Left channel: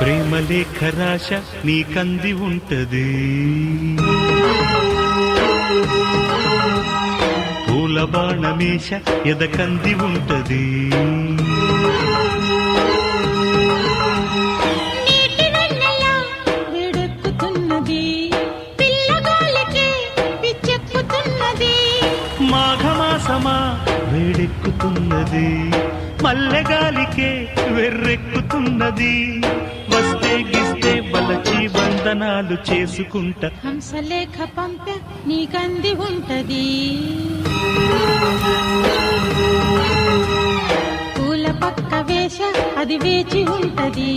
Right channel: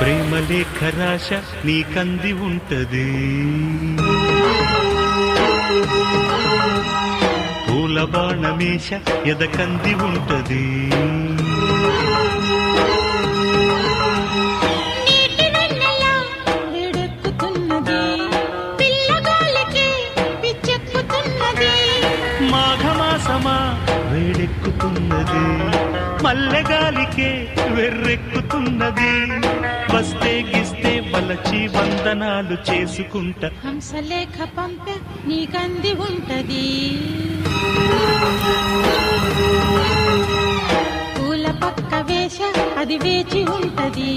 ప్రేమ లేఖ రాశ నీకంది ఉంటది, పూల బాణమేష ఎదకంది ఉంటది. మాఘమాసమా వేడెక్కుతున్నది, మల్లెగాలికే వెర్రెక్కుతున్నది. వస్తే గిస్తే బలచి వందనాలు చేసుకుంటా, హంసలేఖ పంప నీకంది ఉంటది. పూల పక్క వేష అది వేచి ఉంటది.